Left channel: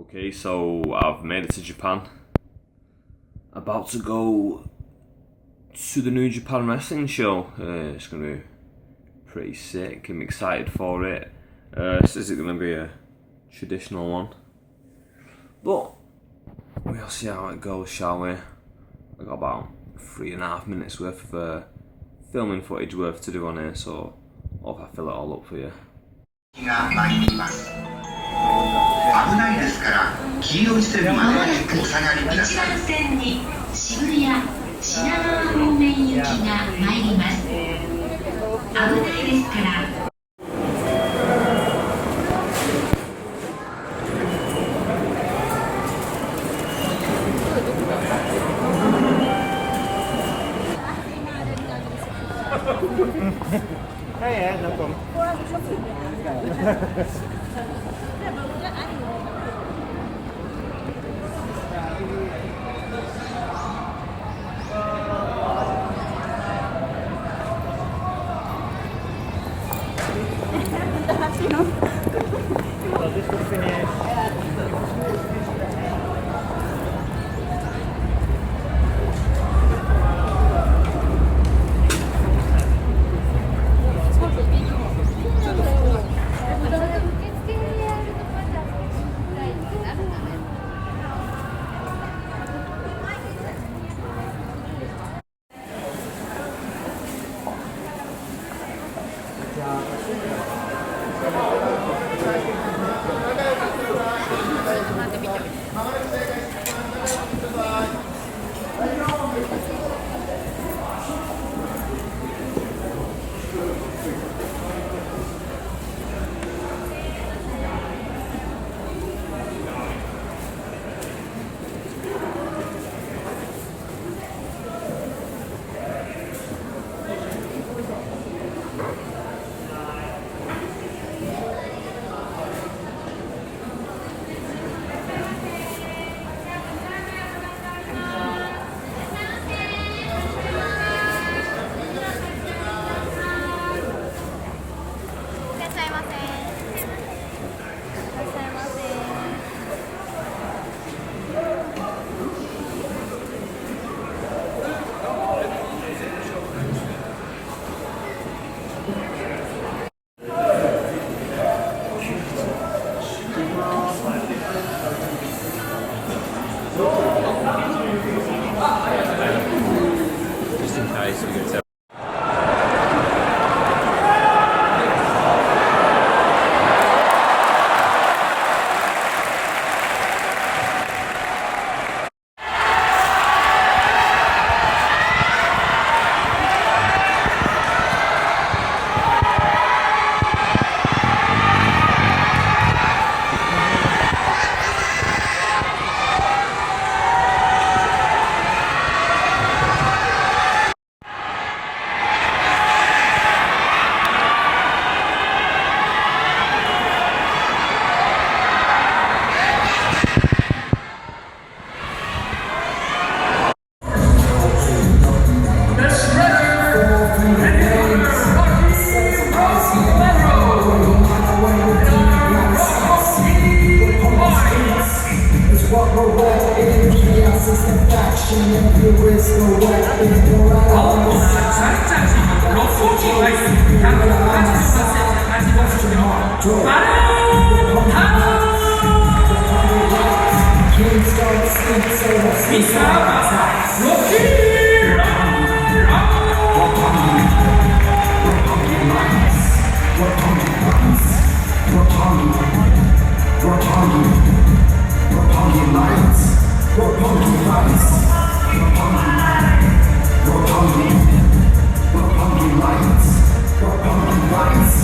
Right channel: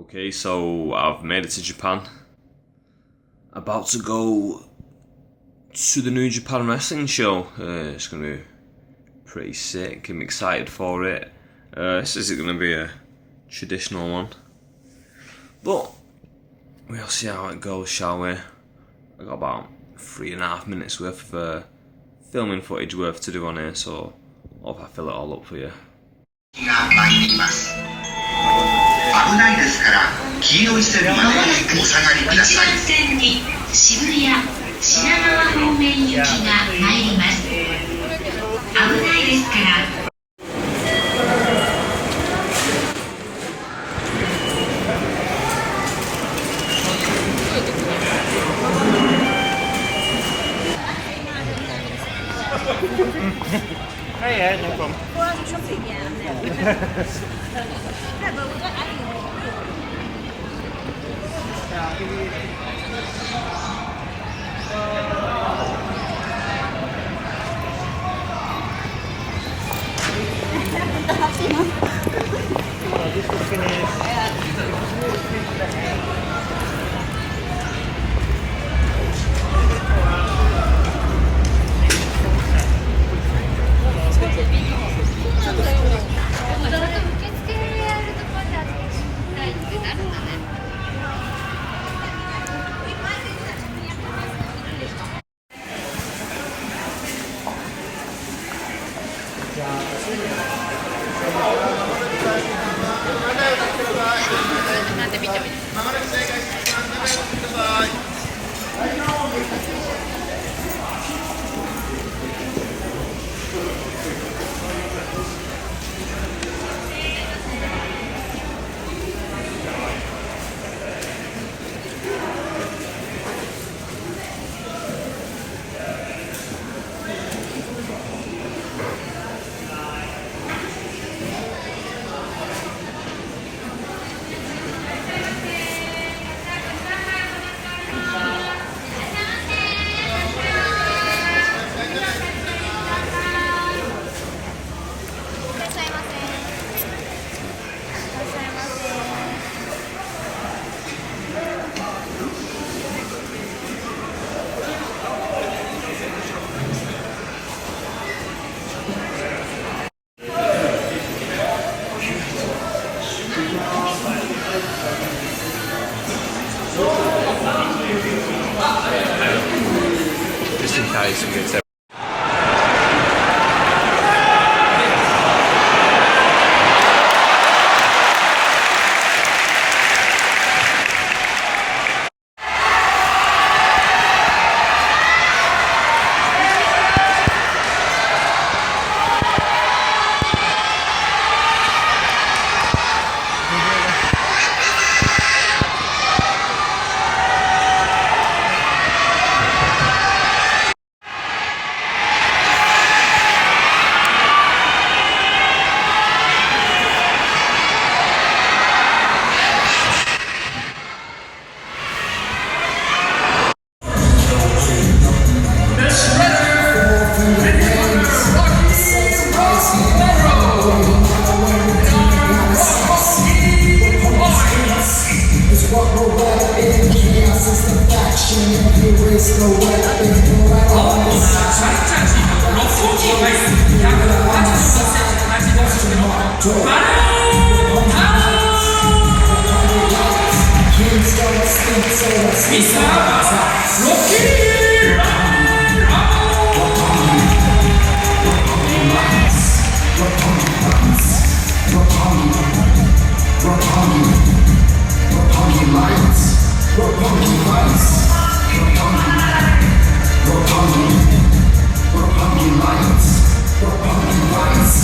Okay, so I've made it to Japan. About to go to the New Japan Wrestling show. It's going to be pretty sick. I'm excited for it. This isn't going to be a traditional one, but we'll see how it goes, shall we? I got about 3.5 minutes worth of filming footage worth to do on here, so hope I fill it all up for you. 危ないですから黄色い線までお下がりください。1番線に渋谷品川方面行きが参ります。危ないですから。Roppongi Vice, Roppongi Lights, Roppongi Vice,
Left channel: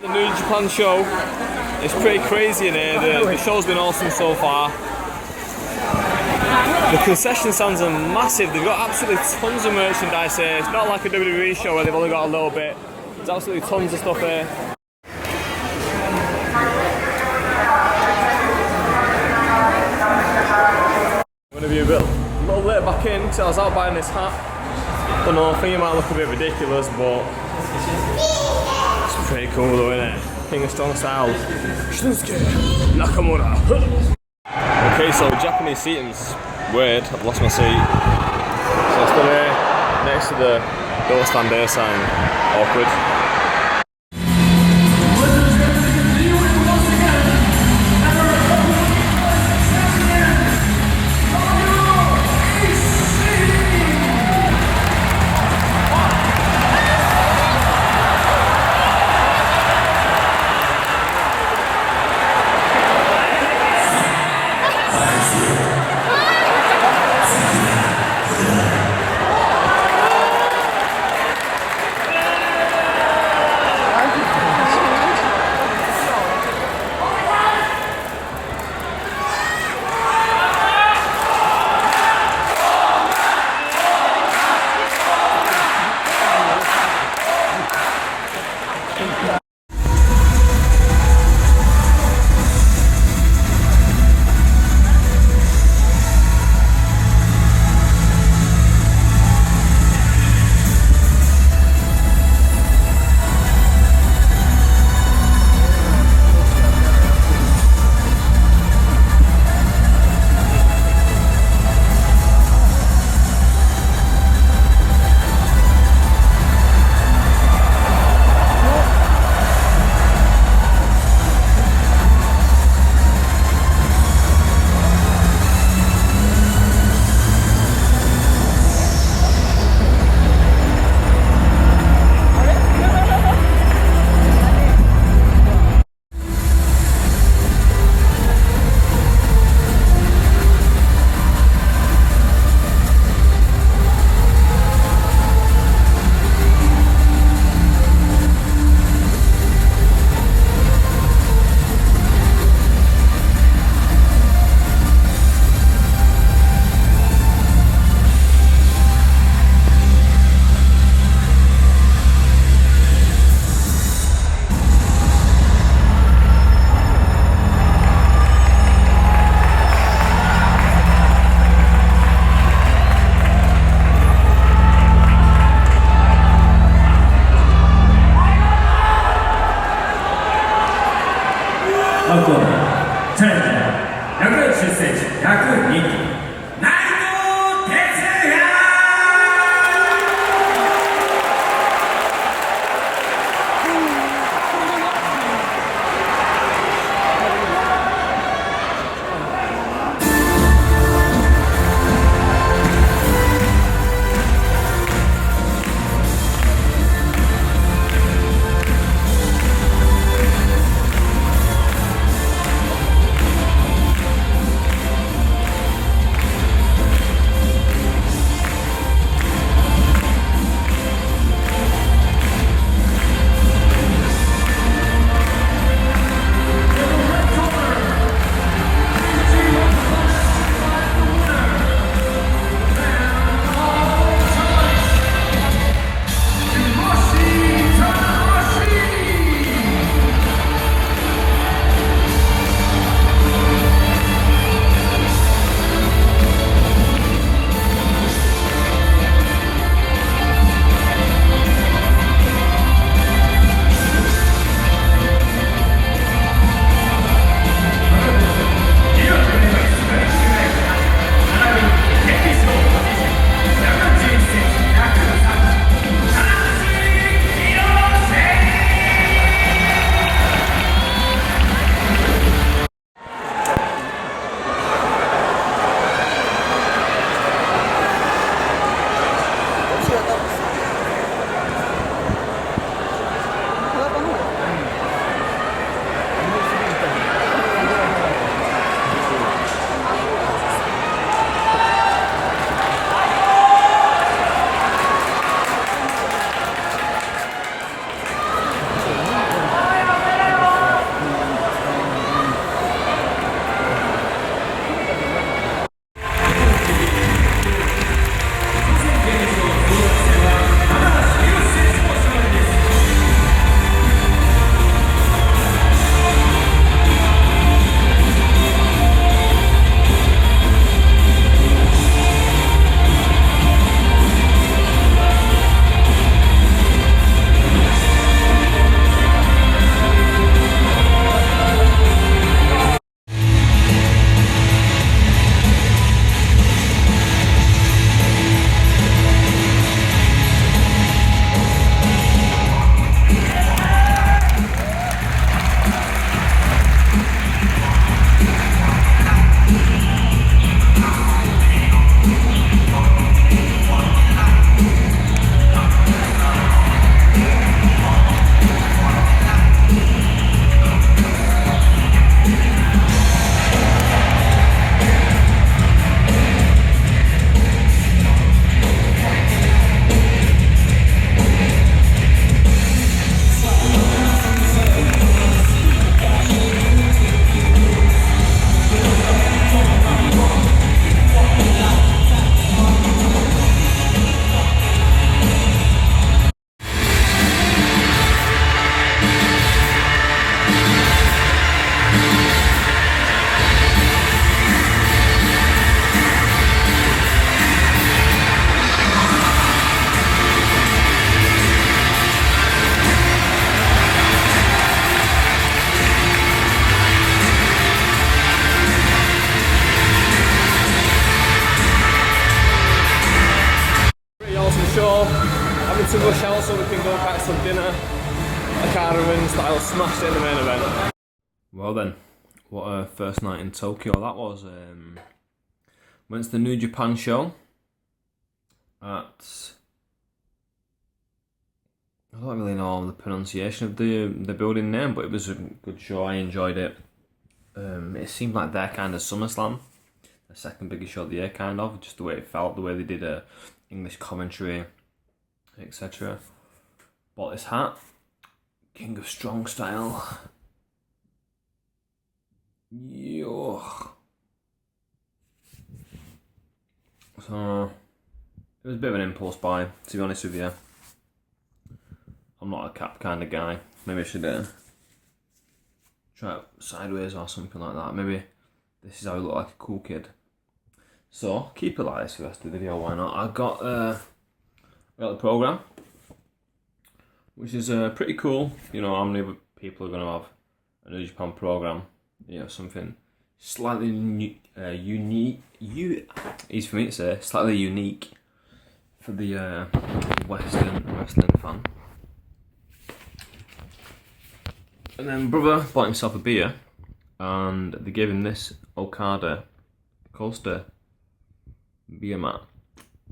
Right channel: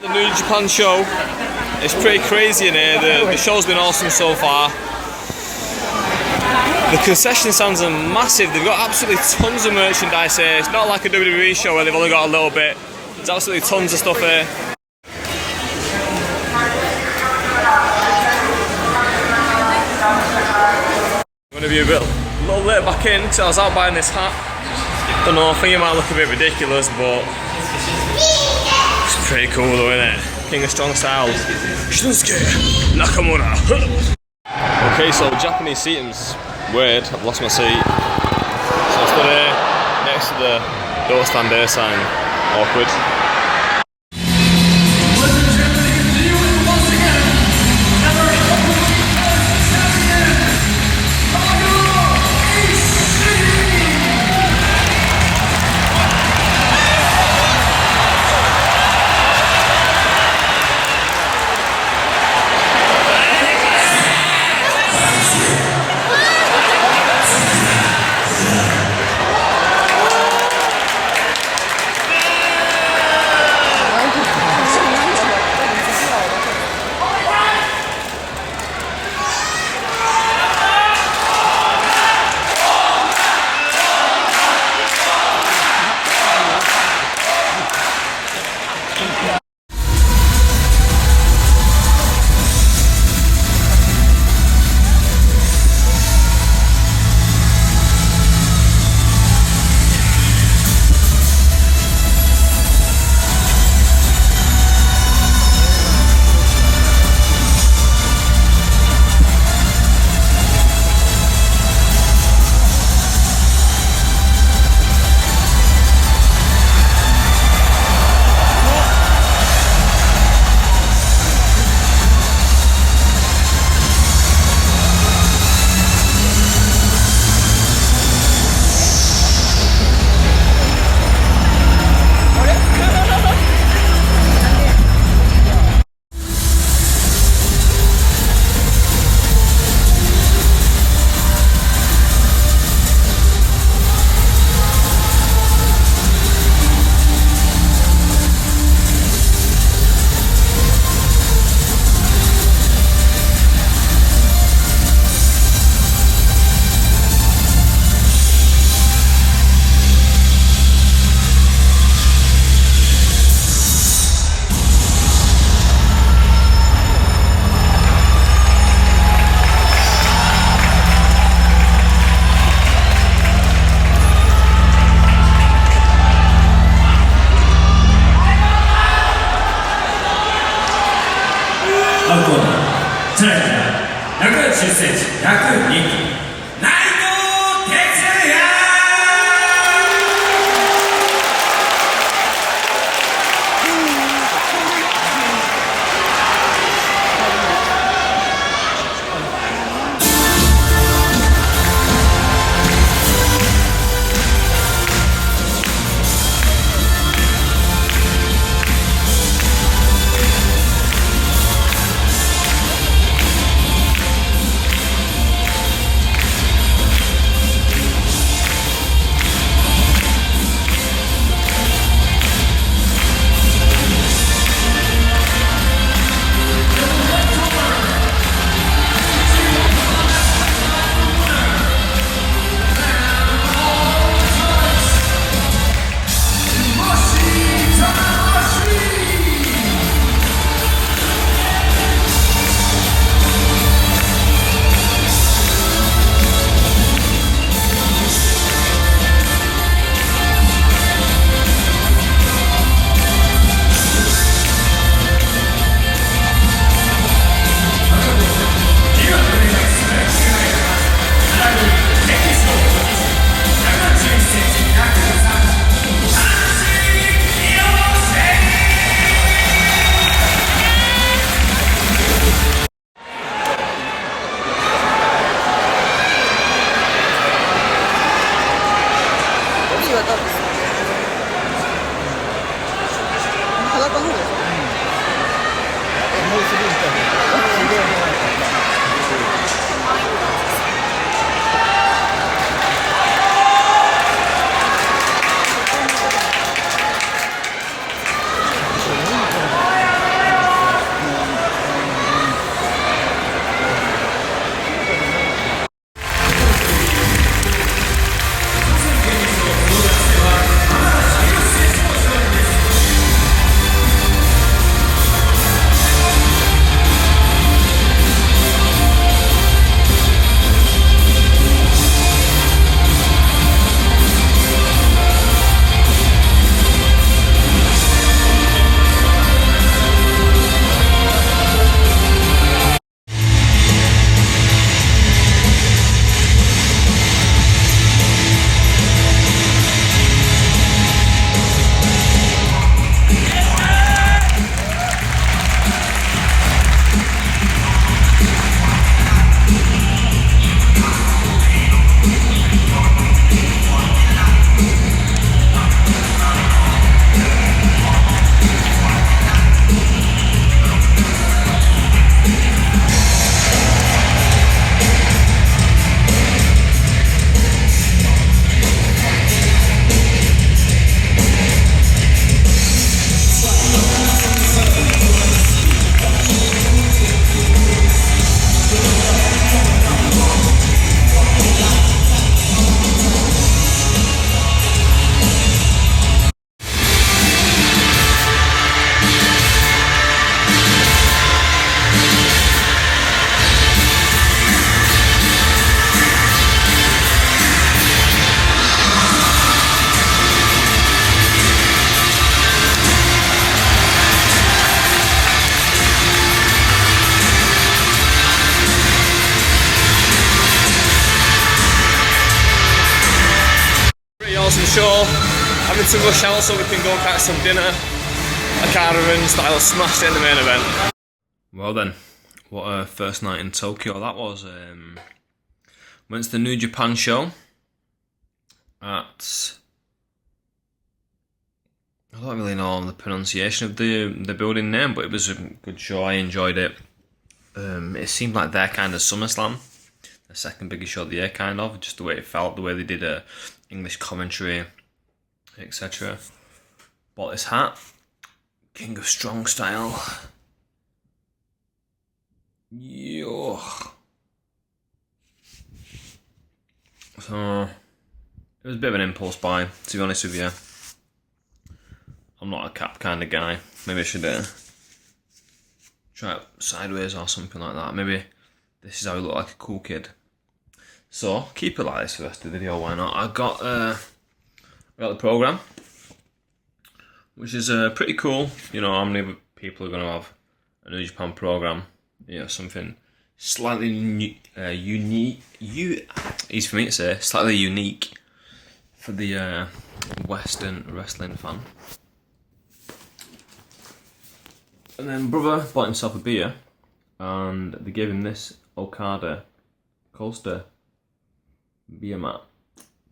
The New Japan show, it's pretty crazy in here. The show's been awesome so far. The concession stands are massive. They've got absolutely tons of merchandise here. It's not like a WWE show where they've only got a little bit. There's absolutely tons of stuff here. I'm going to be a little late back in because I was out buying this hat. Don't know, I think it might look a bit ridiculous, but it's pretty cool though, isn't it? King of Strong Style, Shinsuke Nakamura. Okay, so Japanese seating's weird. I've lost my seat. So I stood here next to the don't stand there sign. Awkward. show, having to rush out so we can go catch some dinner. A caravan style smashed it in the main event. Well then, what a first night in Tokyo that was. Went to the New Japan show at, I don't really know the pronunciation of the building name, but it was a good show. I enjoyed it. It seemed like their kind of SummerSlam, the second biggest show of the year, kind of, just the way it felt, the way they did English commentary, etc. Bought this hat, King of Strong style. Yo. So it was a bit of an impulse buy, to be honest with you. I'm not a cap kind of guy. Maybe I should try it sideways or something like that. Maybe this is how I look like a cool kid. So keep it like this for the rest of the video, why not? I got the program, which is pretty cool. You know, how many people are going to have a New Japan program? You know, something slightly unique. Easy for me to say, slightly unique for the Western wrestling fan. And then brother bought himself a beer, and they gave him this Okada coaster beer mat.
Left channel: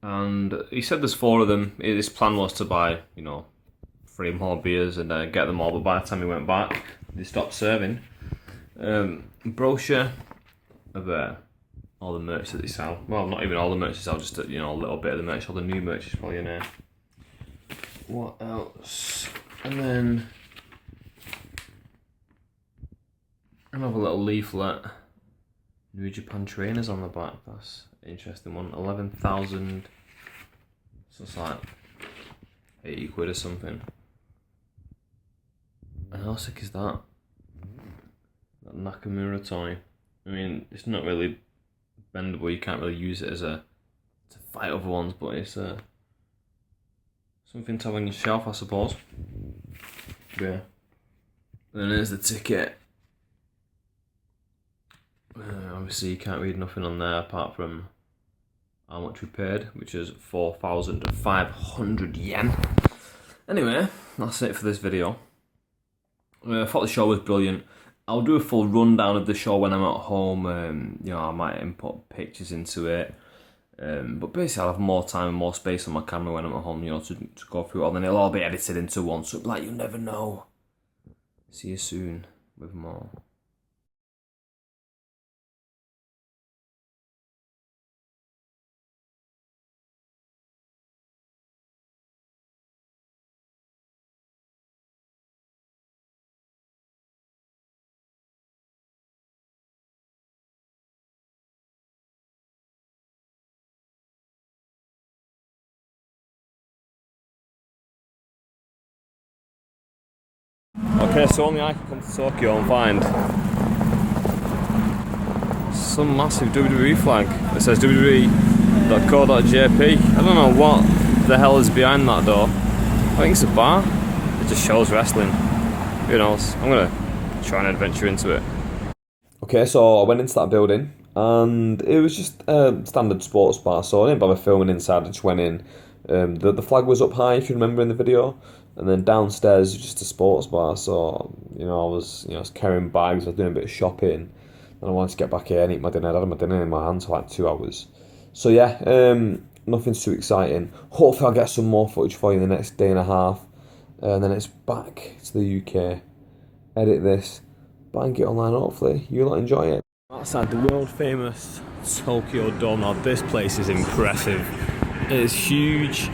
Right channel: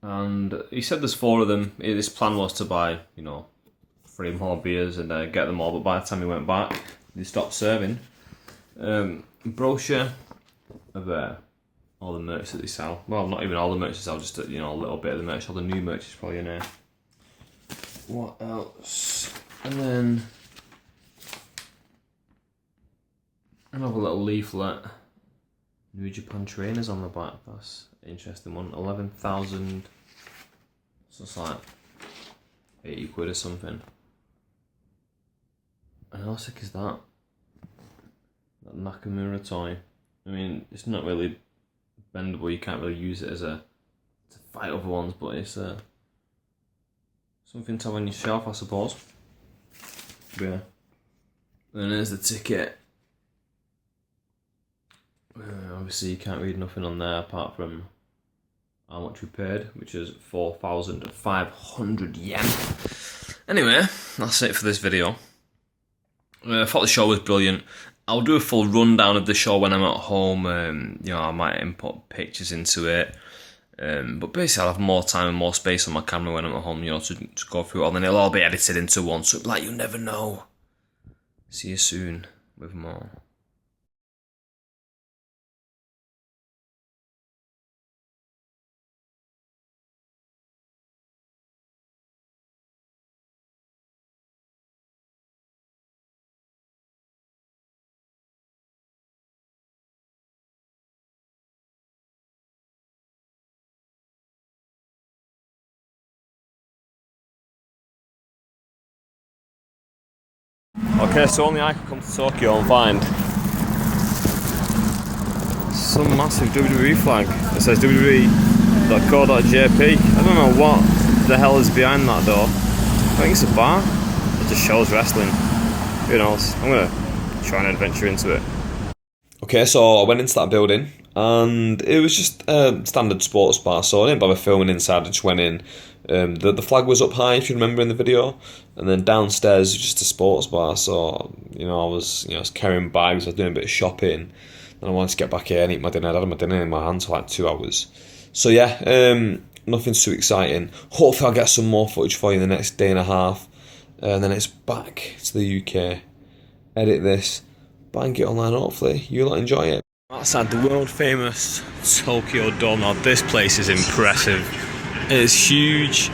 And he said there's 4 of them. His plan was to buy, you know, 3 more beers and get them all. But by the time he went back, they stopped serving. Brochure of all the merch that they sell. Well, not even all the merch they sell, just you know, a little bit of the merch. All the new merch is probably in there. What else? And then another little leaflet. New Japan trainers on the back. That's an interesting one. 11,000. So it's like 80 quid or something. And how sick is that? That Nakamura toy. I mean, it's not really bendable. You can't really use it to fight other ones, but it's something to have on your shelf, I suppose. But yeah. Then there's the ticket. Obviously, you can't read nothing on there apart from how much we paid, which is 4,500 yen. Anyway, that's it for this video. I thought the show was brilliant. I'll do a full rundown of the show when I'm at home. You know, I might input pictures into it. But basically, I'll have more time and more space on my camera when I'm at home, you know, to go through it all. Then it'll all be edited into one, so like, you'll never know. See you soon with more. Okay, so only I can come to Tokyo and find some massive WWE flag that says WWE.co.jp. I don't know what the hell is behind that though. I think it's a bar. It just shows wrestling. Who knows? I'm gonna try and adventure into it. Okay, so I went into that building and it was just a standard sports bar, so I didn't bother filming inside, I just went in. The flag was up high, if you remember in the video, and then downstairs was just a sports bar. So you know, I was carrying bags, I was doing a bit of shopping, and I wanted to get back here and eat my dinner. I had my dinner in my hands for like 2 hours. So yeah, nothing too exciting. Hopefully I'll get some more footage for you in the next day and a half, and then it's back to the UK. Edit this, bang it online. Hopefully you'll enjoy it. Outside the world famous Tokyo Dome. Now this place is impressive. It's huge,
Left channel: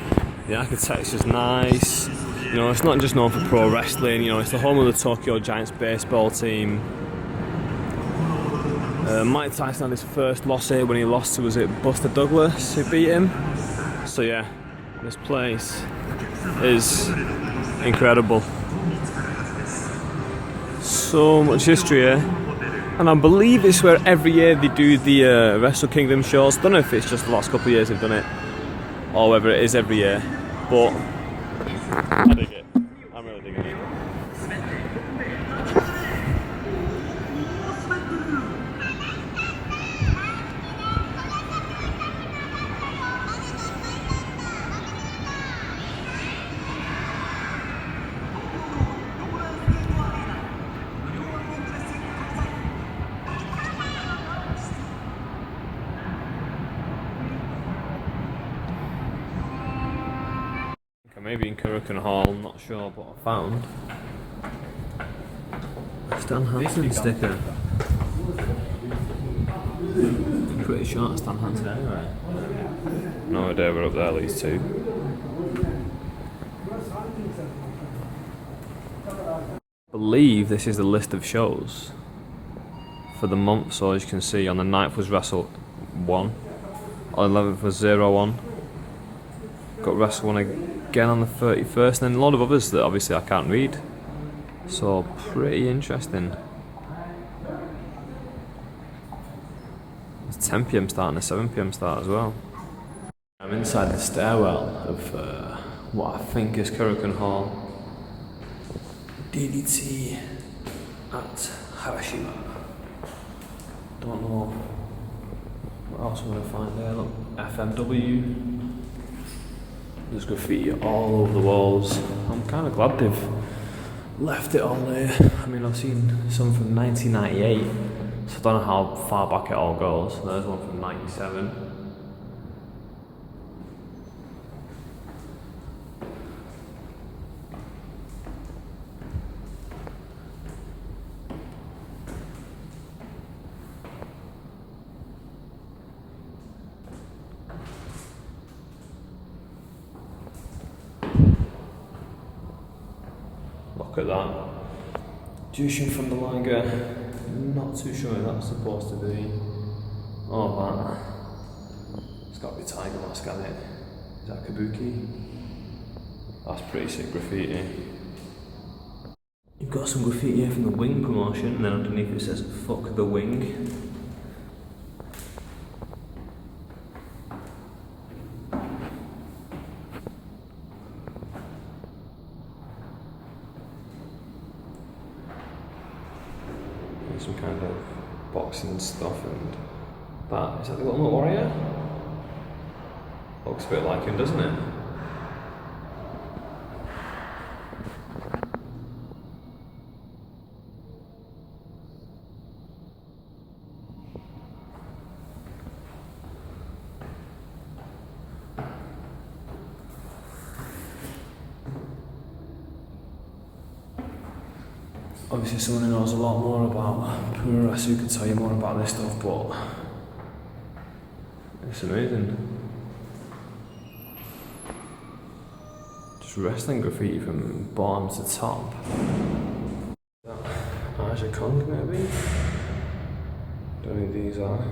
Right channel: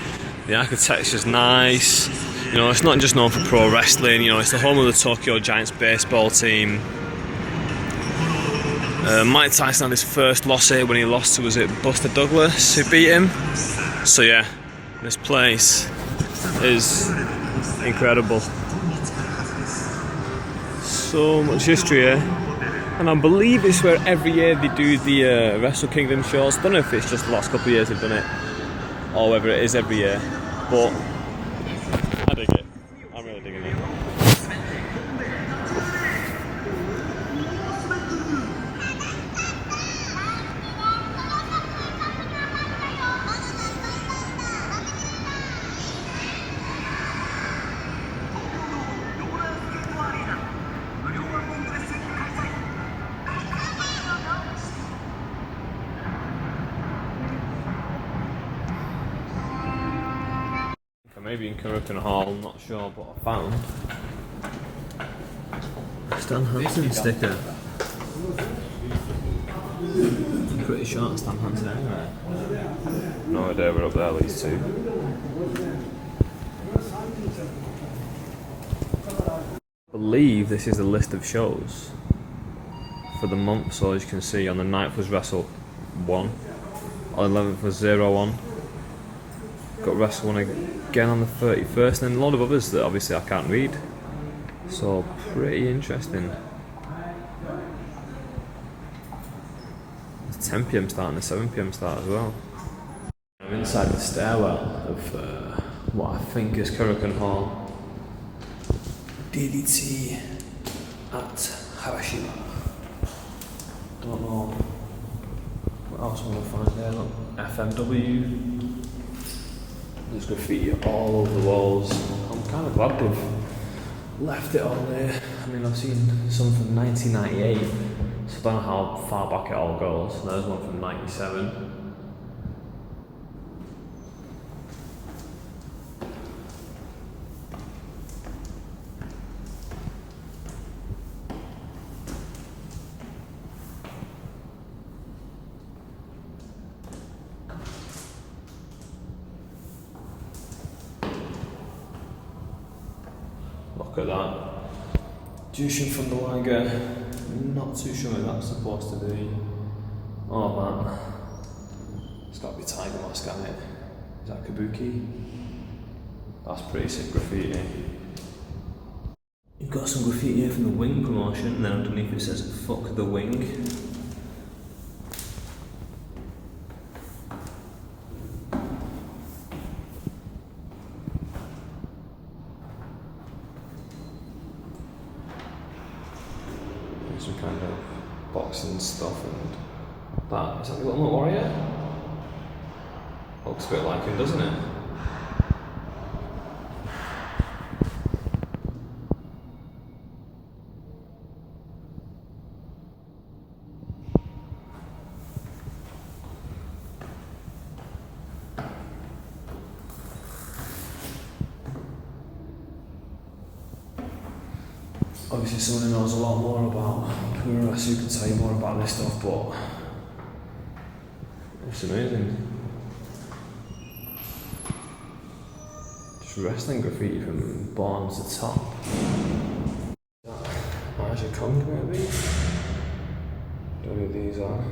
the architecture's nice, you know, it's not just known for pro wrestling, you know, it's the home of the Tokyo Giants baseball team. Mike Tyson had his first loss here when he lost to, was it Buster Douglas who beat him? So yeah, this place is incredible. So much history here. And I believe it's where every year they do the Wrestle Kingdom shows. I don't know if it's just the last couple of years they've done it, or whether it is every year, but I dig it. I'm really digging it. maybe in Kokugikan Hall, I'm not sure, but I found a Stan Hansen sticker. I'm pretty sure it's Stan Hansen anyway. No idea we're up there, these two. I believe this is the list of shows for the month, so as you can see, on the 9th was Wrestle 1, on the 11th was 0-1, got Wrestle 1 again on the 31st, and then a lot of others that obviously I can't read, so pretty interesting. It's 10 PM start and a 7 PM start as well. I'm inside the stairwell of what I think is Kokugikan Hall. DDT at Hiroshima. Don't know what else I'm going to find there. Look, FMW. There's graffiti all over the walls. I'm kind of glad they've left it on there. I mean, I've seen some from 1998, so I don't know how far back it all goes. There's one from 97. Look at that. Jushin from the Lager. Not too sure what that's supposed to be. Oh man. It's got to be Tiger Mask, hasn't it? Is that Kabuki? That's pretty sick graffiti. You've got some graffiti here from the Wing promotion, and then underneath it says "Fuck the Wing." Some kind of boxing stuff and that. Is that the Ultimate Warrior? Looks a bit like him, doesn't it? Obviously someone who knows a lot more about pro wrestling can tell you more about this stuff, but it's amazing. Just wrestling graffiti from bottom to top. Aja Kong maybe? Don't know who these are.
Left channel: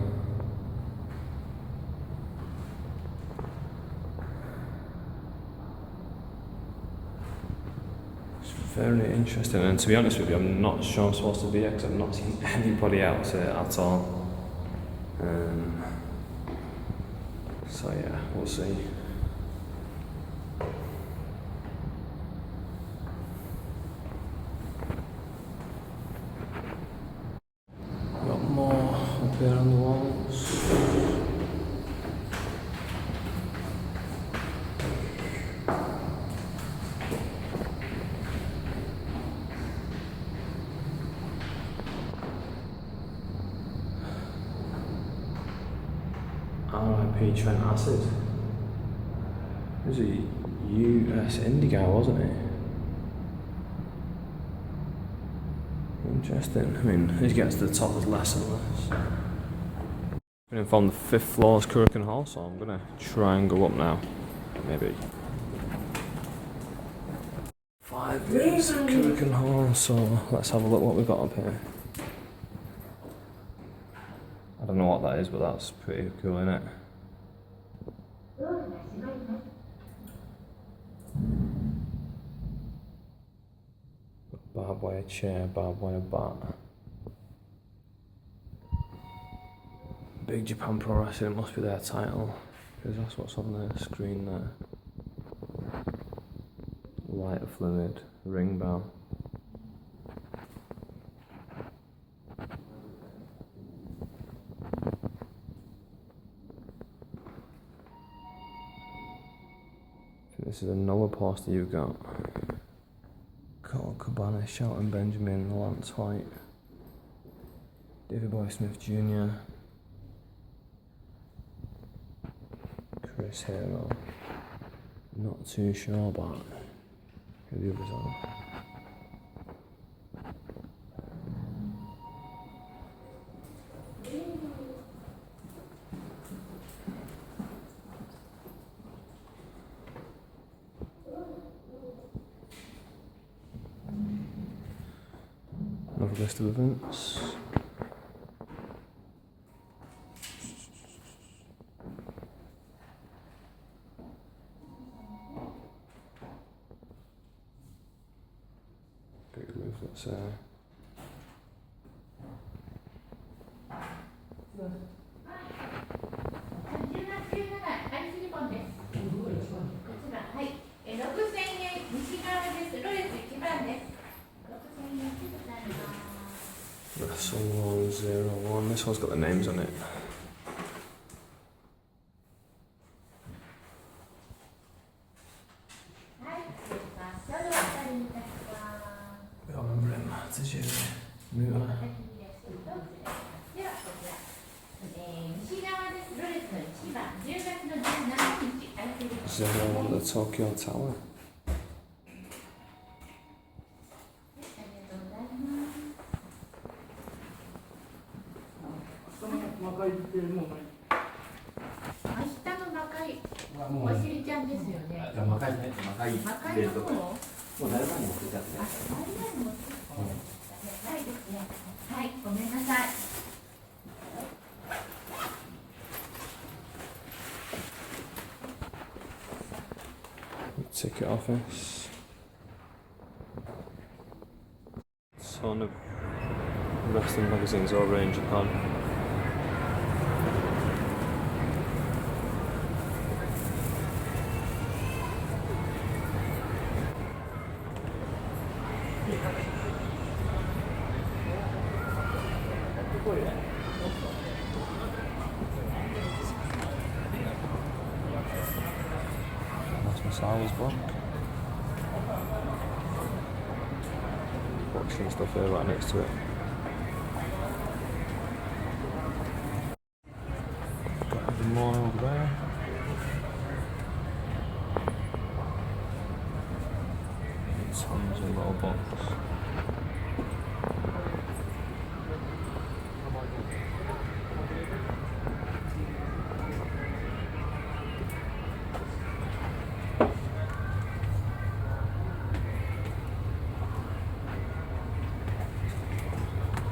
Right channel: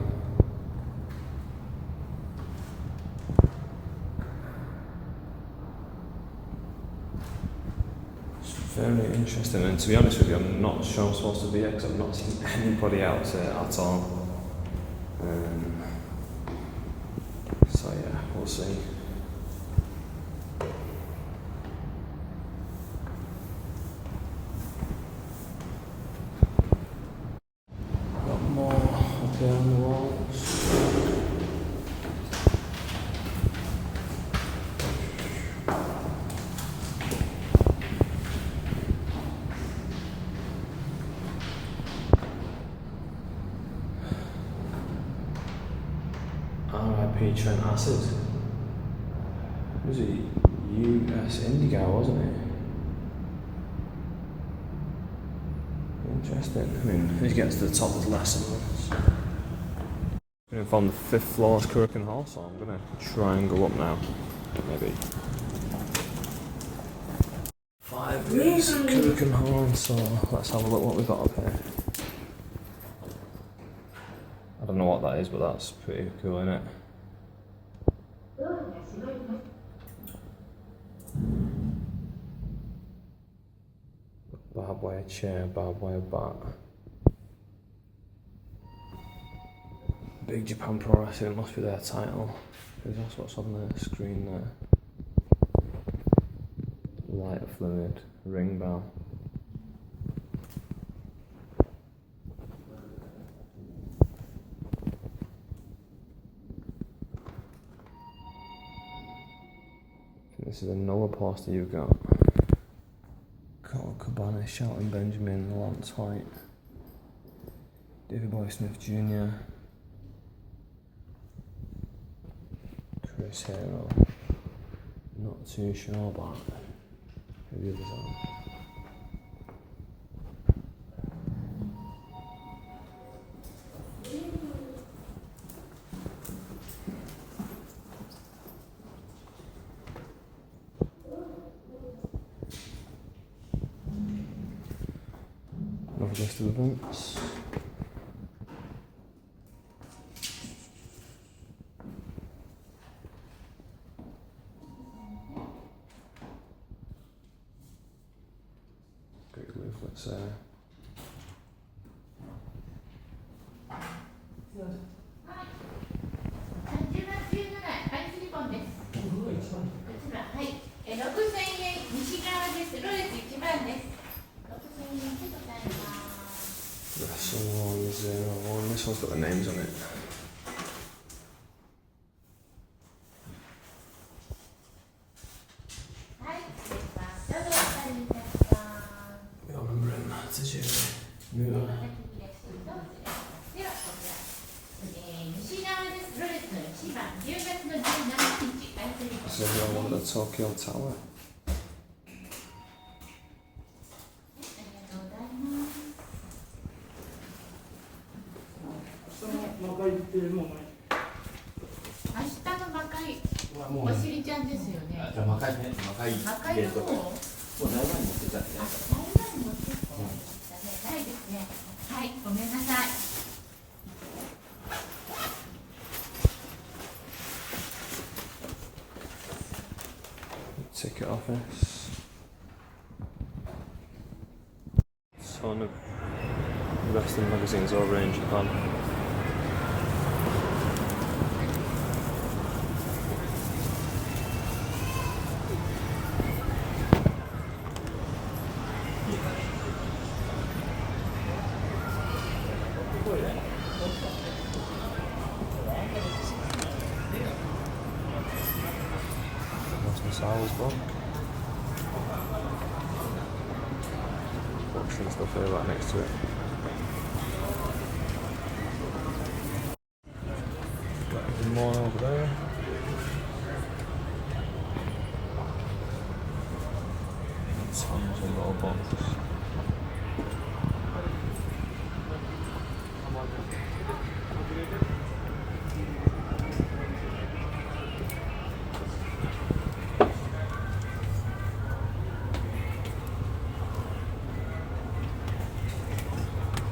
Very interesting, and to be honest with you, I'm not sure I'm supposed to be here because I've not seen anybody else here at all. So yeah, we'll see. Got more up there on the walls. R.I.P. Trent Acid. He was a US indie guy, wasn't he? Interesting. I mean, as you get to the top, there's less and less. I'm going to find the 5th floor's Kokugikan Hall, so I'm going to try and go up now. Maybe. 5 is Kokugikan Hall, so let's have a look what we've got up here. I don't know what that is, but that's pretty cool, isn't it? Barbed wire chair, barbed wire bat. Big Japan Pro Wrestling must be their title, because that's what's on the screen there. Lighter fluid, ring bell. This is another poster you've got. Cole Cabana, Shelton Benjamin, Lance White, David Boy Smith Jr., Chris Hero, Not too sure about the other side. Another list of events. Big movements there. Wrestle 101. This one's got the names on it. We all remember him. Tetsuya. Muta. This is another one at the Tokyo Tower. Ticket office. Ton of wrestling magazines over in Japan. I was born. Boxing stuff there right next to it. Got even more over there. Tons of little boxes.